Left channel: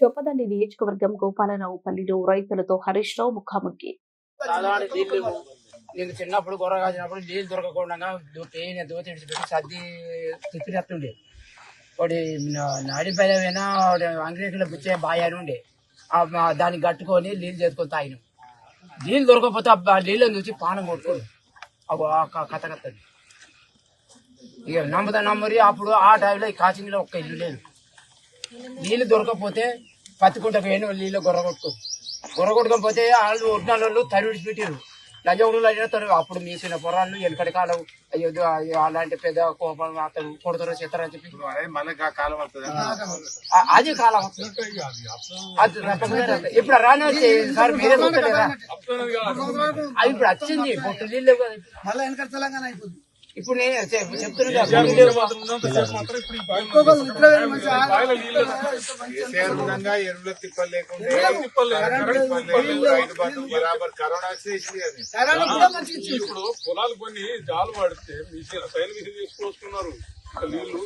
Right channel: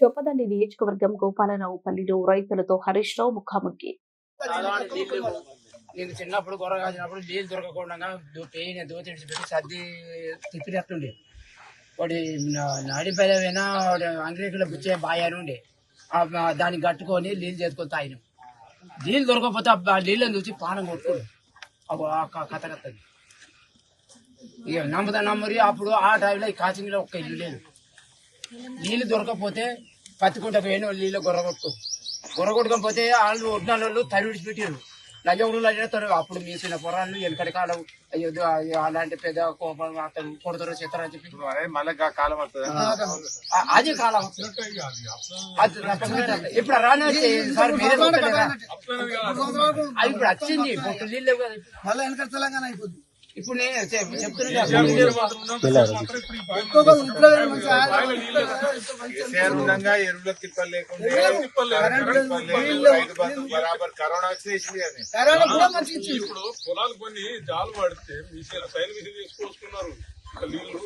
చొప్పదండి నియోజకవర్గం గోపాలరావుపల్లిలో రైతులతో హరీష్ రావు ముఖాముఖి. నేను చిన్నప్పుడు గొర్ర కాసినప్పుడు నీళ్ళు దొరకకుండా దోతి సర్ది తిప్పినట్టుండే వాడి నడిపైన అంగ్రేజీలో బుచ్చే బాయాని ఉండే దాన్ని కట్టుకొని నీళ్ళు చేసుకొని తాగిన నీళ్ళు దొరకకపోతే నీళ్ళని చూసి పానం కొట్టుకోడు కథ కత్తది ఇక నమ్మరి అప్పుడు ఆ టైంలో కాచింగ్లో ఒక్క ఇల్లు లేదు. నీళ్ళు దొరకకపోతే పత్తికుంట పోయిన నీళ్ళు గొర్ర కొట్టుకోకపోతే వాళ్ళు ఒడ్నాళ్ళు తడి విడిచిపెట్టారు. లజవులు అయినా అప్పుడు మీసిన పొరాళ్ళు వెనకటి కాలం అయ్యో అలాంటి పెద్ద కోపం అతను కొడతారు చేస్తారు అని చెప్పి కాలం వస్తుంది. అది కాలం ఇప్పుడు రాని సార్ మీరే ఇప్పుడు వచ్చింది నీళ్ళు మళ్ళీ వెనక తెలంగాణ అయిపోతుంది. ఇప్పుడు నేను చెప్తున్నా ఎరువుల తిప్పలు లేకుండా కరోనా ఇప్పుడు పొలాలు కొన్ని జాలు పడితే సైన్ మిషన్ తీసుకొస్తున్నారు నీళ్లు